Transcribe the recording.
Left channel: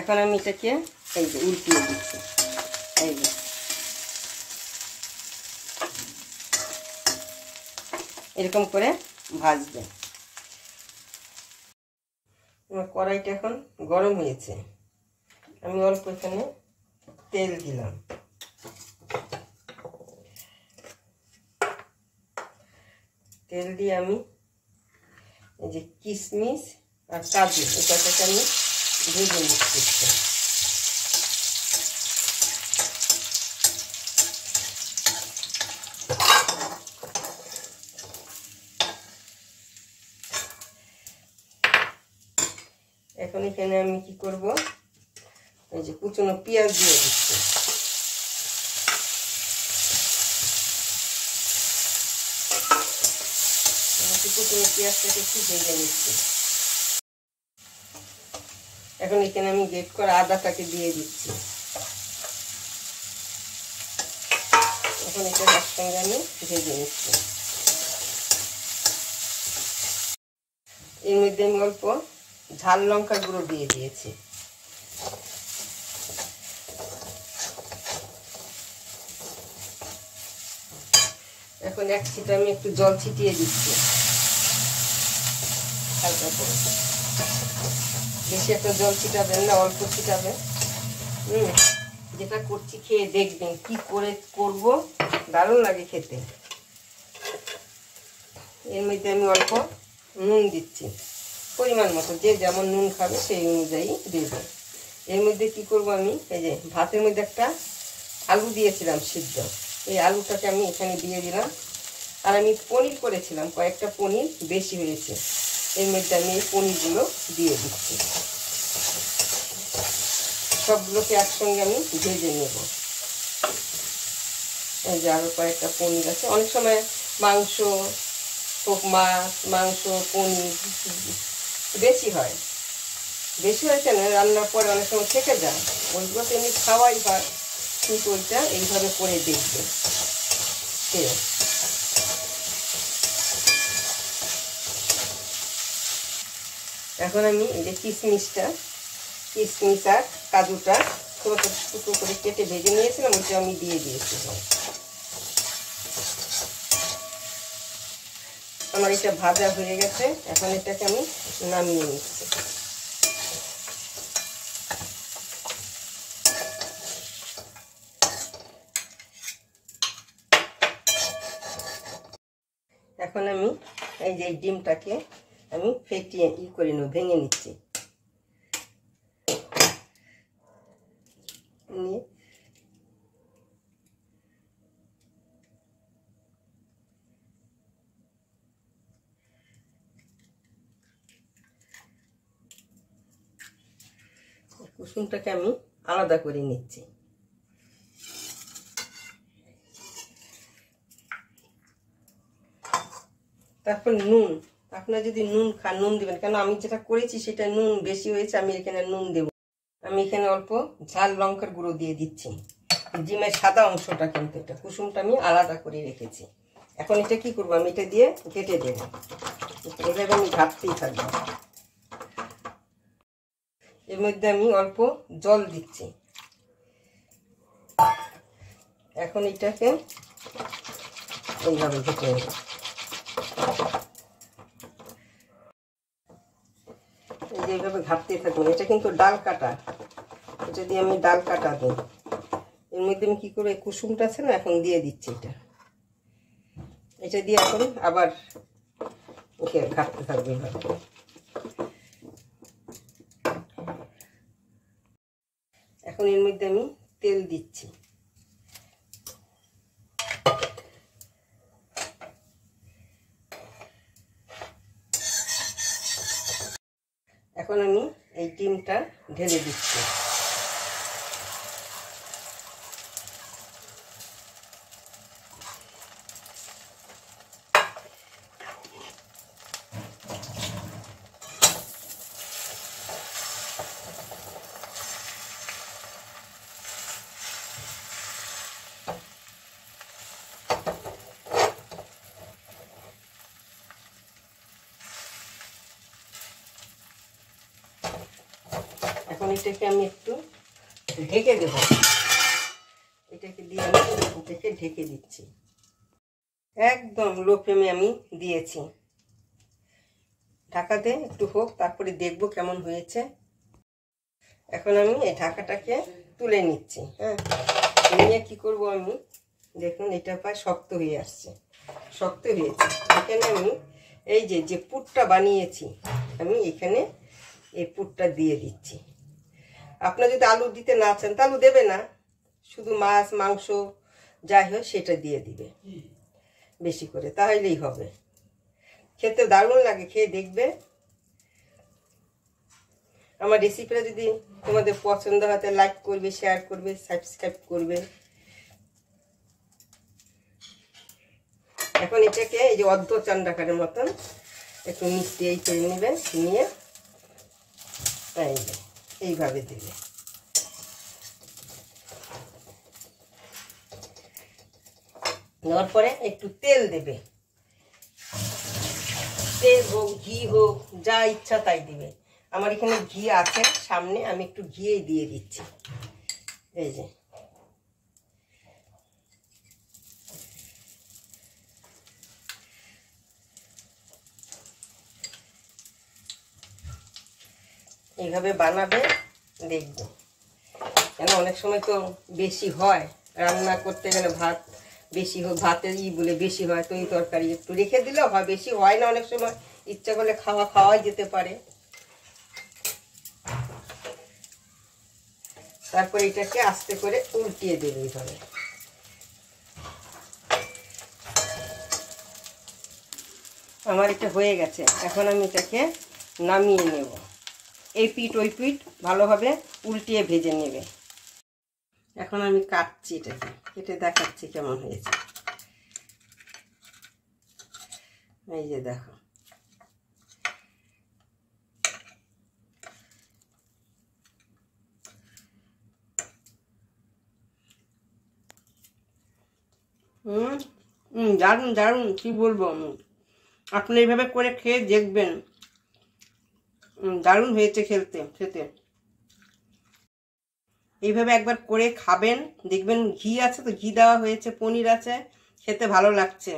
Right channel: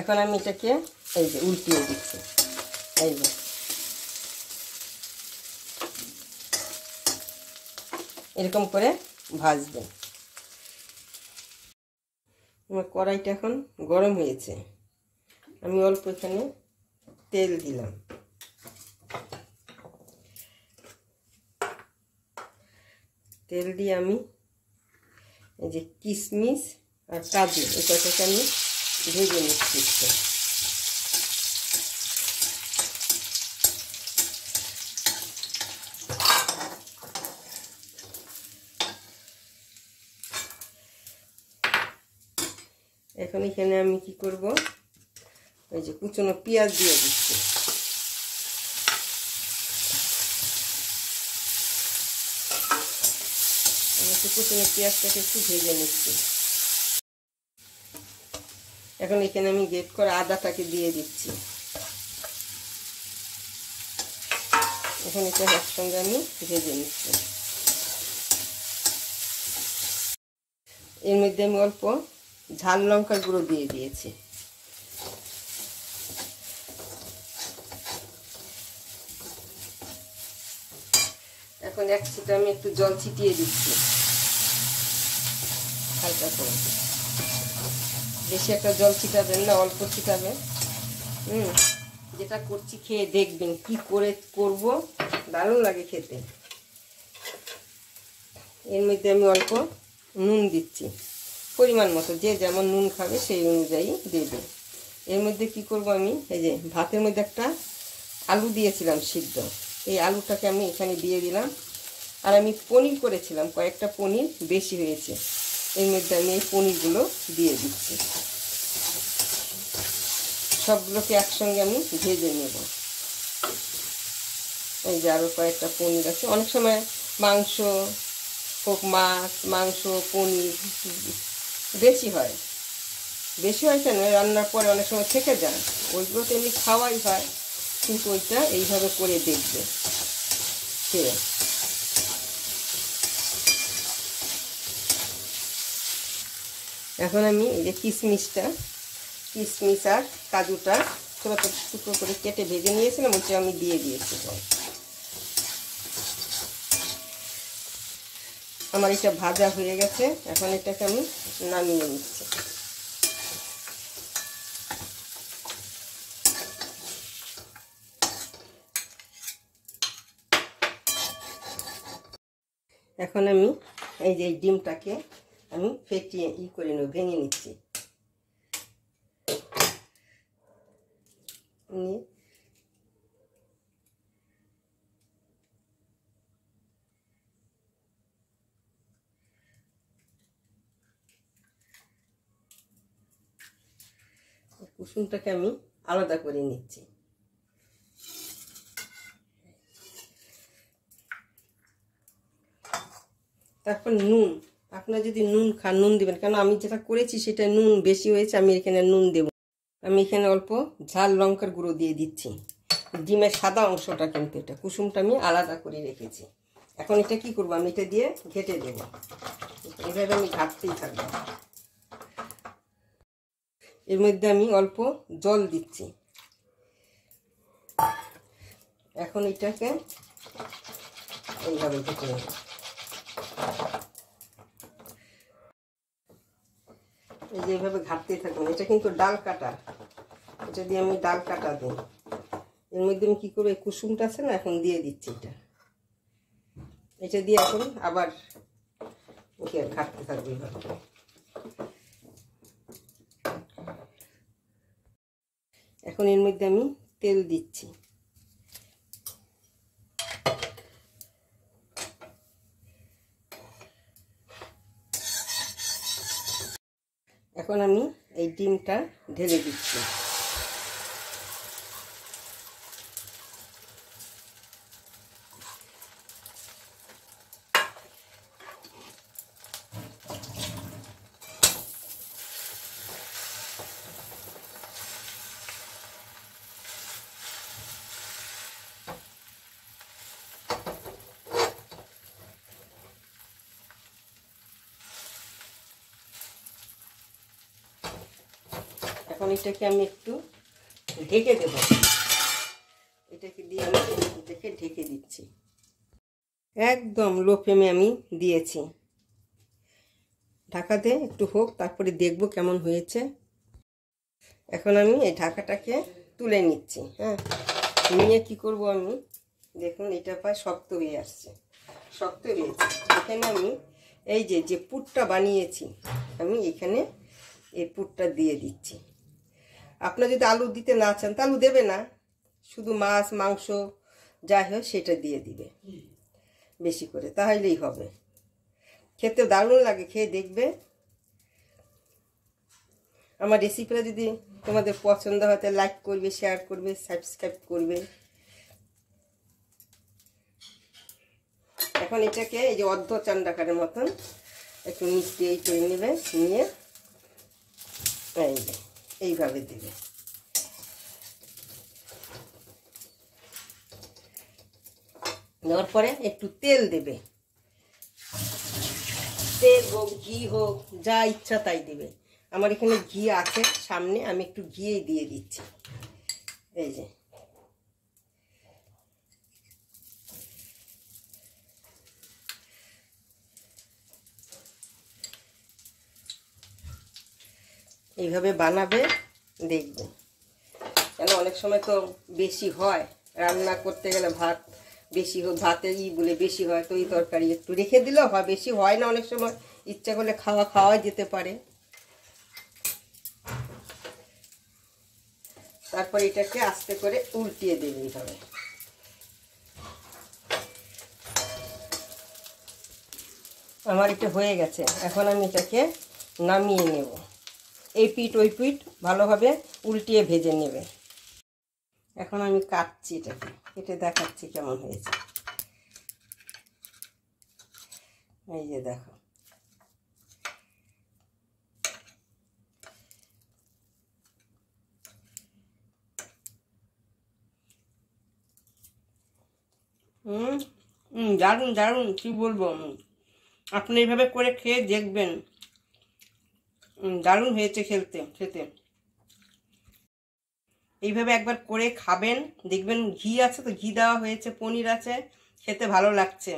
এখন আমি এটাকে এই যে উল্টিয়ে দিচ্ছি, এই যে এরকম করে ভাজবে। আমার কড়াইটা এখন গরম হয়েছে, আমি অল্প এখানে তেল দিলাম। তেল দিয়ে আমি এই যে কিশমিশ আর কাজু এটাকে আমি ভেজে নিচ্ছি। এখন এখানে আমি কি করব, এই যে কুচনো পেঁয়াজ দিয়ে দিচ্ছি। কুচনো পেঁয়াজটাকে একটু ভেজে নিচ্ছি। এখন এখানে আমি গ্রেট করা আদাটাকে দিয়ে দিচ্ছি। এখন এটা একসঙ্গে আমি ভেজে নিচ্ছি। এর মধ্যে আমি অল্প ঝাল লঙ্কার গুঁড়ো দিয়ে দিয়েছি। এখন এক ছিটা আমি একটু জল ছিটিয়ে দিচ্ছি হালকা করে, বেশি একটা জল ছিটাবেন না, অল্প ছিটাবেন। যেটা করছি খেয়ে দেখবেন, কি করে করব দারুণ লাগে খেতে। এর মধ্যে আমি অল্প নুন দিচ্ছি, পরিমাণ মতো, যে যেমন নুন খাবে সেই অনুযায়ী দেব। এর মধ্যে কি করব, আমি এই যে ভাতের মধ্যে একটা আলু দিয়েছিলাম সিদ্ধ, এই আলুটাকে আমি এখানে দিয়ে দিলাম। আর আমি পনির করেছিলাম, কয়েকটা পনির বেশি হয়েছে, এর মধ্যে আমি এই পনিরগুলো দিয়ে দিচ্ছি। সবগুলোকে একসঙ্গে আমি ভেজে নেব। এই যে আরও কয়েকটা পনির আছে। অনেক সময় মাংস হোক, মাছ, মাংস, পনির বেশি হয়, বেশি হয় কেন, রান্নার পরে অনেক সময় থেকে যায়, ওইগুলো তো এমনি খাওয়াই হয়, কিন্তু ওইটা এইভাবে করে দেখবে। এখন আমি এই যে কিশমিশ আর কাজুটা ছোটো টুকরো করে কেটে ভেজে নিয়েছিলাম, ওইটা আমি দিয়ে দিয়েছিলাম। আমার এটা ভাজা হয়ে গেছে, এখন এটাকে আমি নামিয়ে নিচ্ছি। এখন আমি এই যে ডিমটাকে আমি ফেটিয়ে করে নেব, ভেঙে নিচ্ছি। কুসুমটাকে আমি আলাদা করে নিচ্ছি। তারপর নুন, আপনারা যদি নুন খান নুন দিবেন, কারণ আমি যেটা করেছি সেটা নুন বেশি হয়েছে, আমি এখানে নুন দেব। আমি এখানে অল্প ঝাল লঙ্কার গুঁড়ো দিয়ে দিচ্ছি। ডিমের সাদা অংশটা কিন্তু এটা কুসুমটা আমি আলাদা করে রেখেছি। এখন এটা কি করবো, আমি এটা দিয়ে ঘেটে দেব, এভাবে আমি ঘাটতেই থাকবো। এর মধ্যে আমি অল্প জল দিচ্ছি। এখন এটাকে এইভাবে ঘেটে নেব। এই যে এইভাবে ঘাটতে থাকবেন, এটা কিন্তু ডাল কাটা, এটা দিয়ে আমি ডাল কাটা দিই। এর মধ্যে আমি কি করে কুসুমটা আছে না, এখন দিয়ে দিচ্ছি। এটা দিয়ে এখন আবার ঘাটতে থাকবে এইভাবে। এখন এর মধ্যে আমি তেল দিচ্ছি। এখন আমি এই ডিমটা ঢেলে দিচ্ছি। এখন এটাকে আমি একটু ঢেকে দেব, এটাকে দিয়ে আমি ঢেকে দিচ্ছি। একদম লো ফ্লেমে আমি দিয়েছি। ঢাকাতে একটু হোক, তারপরে দেখবো কেমন হয়েছে। এখন আমি এই ঢাকাটাকে তুলে নিচ্ছি। হ্যাঁ, নিয়ে কি করব আমি, দেখুন এটা প্রায় শক্ত হয়ে আসছে, শক্ত হয়েছে। এখানে আমি এই যে পুরটা বানিয়েছি, আমি এখানে এই পুরটা দিয়ে দিচ্ছি। আপনারা যদি আলু দিতে না চান তা আলু দেবে না, শুধু মাছ মাংস যাই হয় সেটা দিয়ে দিবে বেশি করে, তাহলেই হবে। খেতে দারুণ লাগে, খেয়ে দেখবে। আমার রেসিপিটা যদি তোমাদের পছন্দ হয় তাহলে লাইক করবে, শেয়ার করবে, সাবস্ক্রাইব করবে। এখন এটাকে এই যে অর্ধ চান্ডাকারের মতন একটু মিষ্টি এই করে নেবে, নিয়ে এইভাবে দিবে। নেওয়ার পরে একটু তেল দেবে, তেল হোক ঘি হোক যা ইচ্ছা তাই দেবে। আমার এখানে ঘি আছে সামনে, আমি একটু ঘি দিয়ে দিচ্ছি। এই যে এইভাবে বানাবে, দেখবে। কেন অনেক সময় তো বেশি হয়, রান্না করতে গেলে ভাত বেশি হোক, ভাতের বলে বেশি হয়, তো এই তরকারি একটু রেখে দিলেও হয়, বেশি হয় না অনেক সময়, ইচ্ছা করলে খাওয়াই যেতে পারে। তারপরে এটাকে আস্তে করে উল্টিয়ে দেবে এইভাবে। আমার এটা হয়ে গেছে, এখন আমি এটাকে নামিয়ে নেব। এই পিঠ ওই পিঠ ভালোভাবে উল্টিয়ে ভেজে নেবে। এখন আমি কাটছি, এটাকে কেটে দেখাচ্ছি কেমন হয়েছে। এই যে দেখো, দারুণ দারুণ, কি বলবো। আপনি এইভাবে করে খেয়ে দেখবেন, দারুণ হয়েছে খেতে। এইভাবে একবার করে খাবেন, দেখবেন। ঘি আছে তো, ঘি দেওয়া হয়েছে, পনির আছে, খেতে ভালো লাগছে।